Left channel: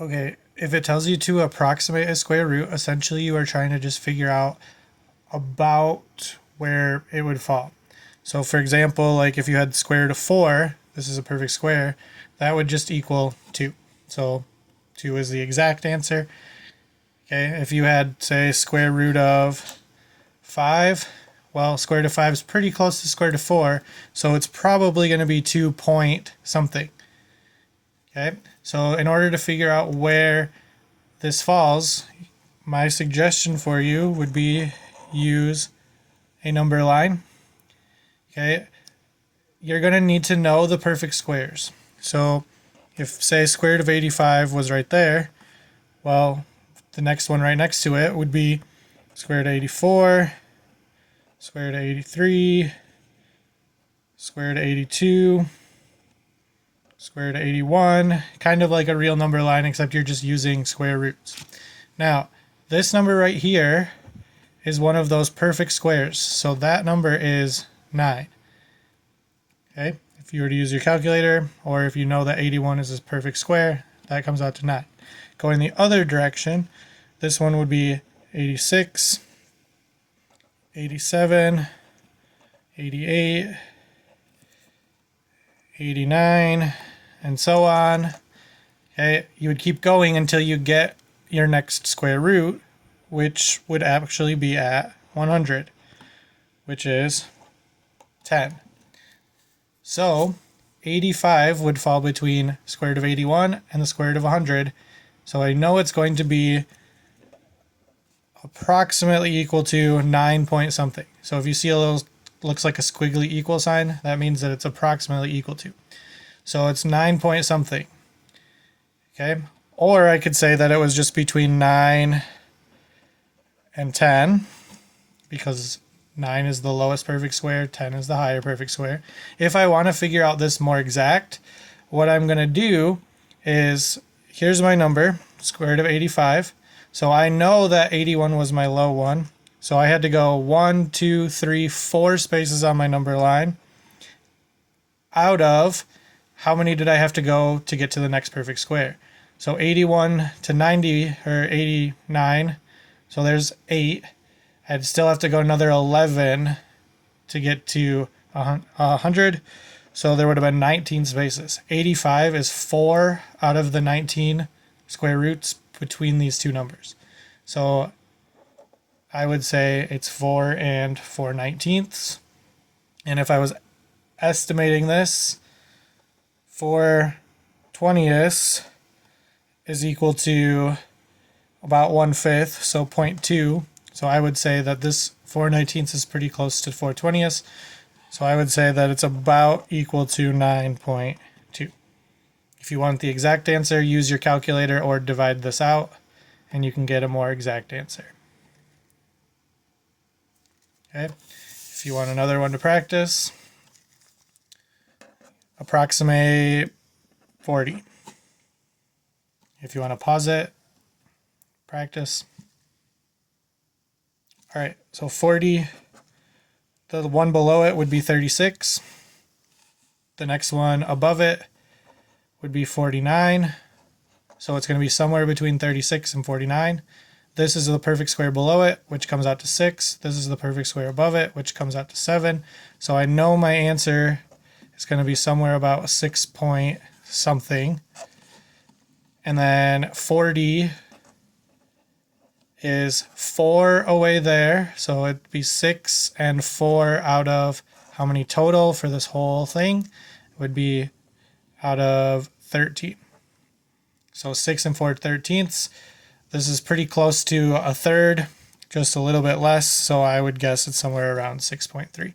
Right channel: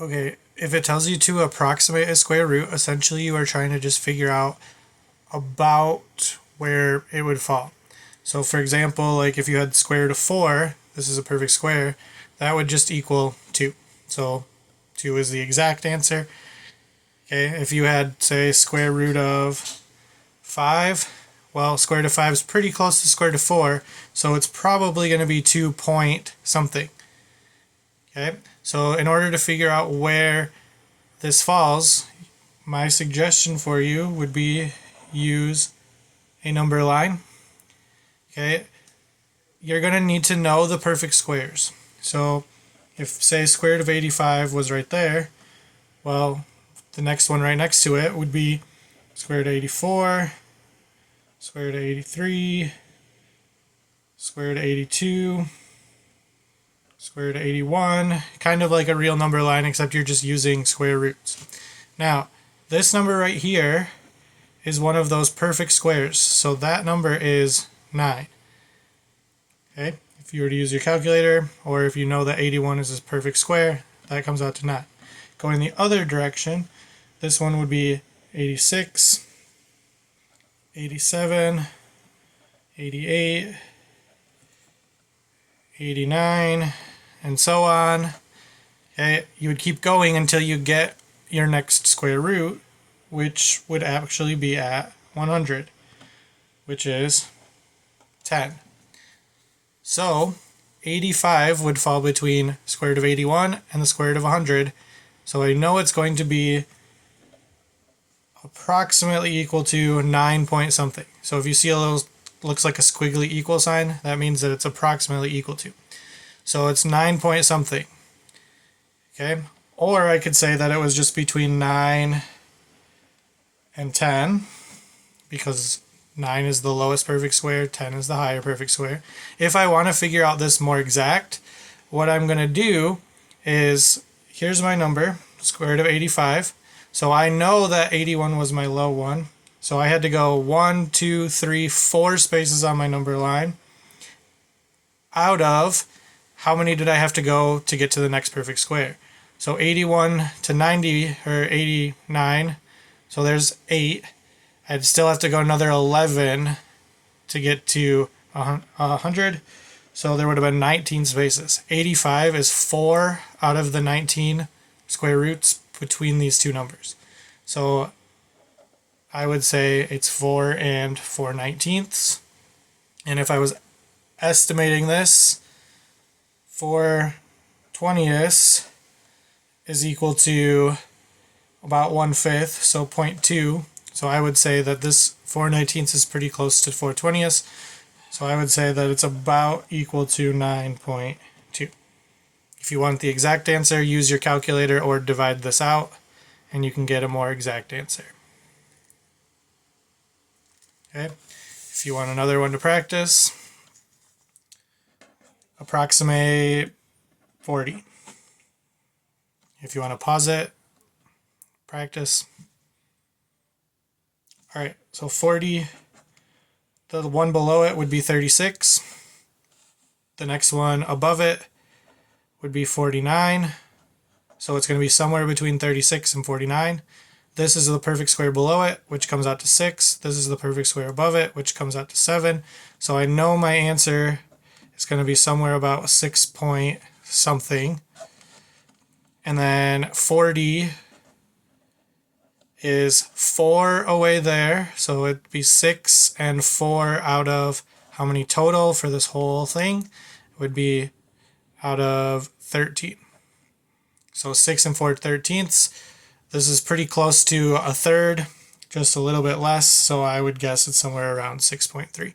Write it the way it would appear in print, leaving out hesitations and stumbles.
Okay, if it tells you to approximate a square root, essentially you are trying to just figure out about where it would fall. So for example, like if you had the square root of 4, this is a perfect square, that would just equal 2. So 2 is the exact answer. Okay, if you had, say, square root of 5, well, square root of 5 is pretty close to square root of 4, so it's probably going to be 2 point something. Okay, so in order to figure out where this falls, my suggestion for you would be use a number line. Okay, you're going to need to know the perfect squares. So if, say, square root of 85 was right there, well, the next one right next to it would be square root of 84, square root of 83, square root of 82, square root of 81, kind of like a real number line, except you're just using square roots. Now, this number right here is one of those perfect squares, so that number is 9. Okay, if you were to use your calculator, or if you know that 81 is a perfect square, that comes out to 9. Going the other direction, this one would be 86, 87, 88, 89, and so on. Okay, you would keep going until you get your next square root, which would actually be at 100, which is 10. So 85 would fall between square root of 81 and the square root of 100. So I know it's going to be approximately equal to 9 point something. So if you see a little, looks like a squiggly equal sign, that means that it's approximately equal to. So it's 9 point something. Okay, or I could say that it was just between 9 and 10, because 9 is the lowest perfect square, 10 is the higher perfect square. If I want to figure out this more exact, what I'm going to do is, here's my number, square root of 85. So I know that 81 was my low one. So I had to go 1, 2, 3, 4 spaces on my number line. Out of how many did I have to go to get to the next perfect square? So 81 to 90, or 89, so there's 8. I'd still have to go another 11 to get to 100. So there would have been 19 spaces. 85 is 4 out of the 19 square roots between these two numbers. So I would say it's 4 and 4/19. And if I was estimating this, 4/20 is equal to about 1/5, so 0.2. So I would say that this 4/19 is pretty close to 4/20. So I would say that it's about equal to 9.2. If you want the exact answer, use your calculator or divide this out, and you can get a more exact answer. Okay. If you want another one to practice, approximate 40. If you want to pause it, practice. All right, so 40, the one below it would be 36. The next one above it would be 49. So it's going to be somewhere between 36 and 49. This is the perfect square below it, which comes out to 6. This is the perfect square above it, which comes out to 7. So I know my answer is going to be somewhere about 6 point something. And then 40 is 4 away there. So it'd be 6 and 4 out of how many total for this whole thing? It would be out of 13. So 6 and 4/13. This is pretty close to a third, just a little bit less. So I would guess it's somewhere around 6.3.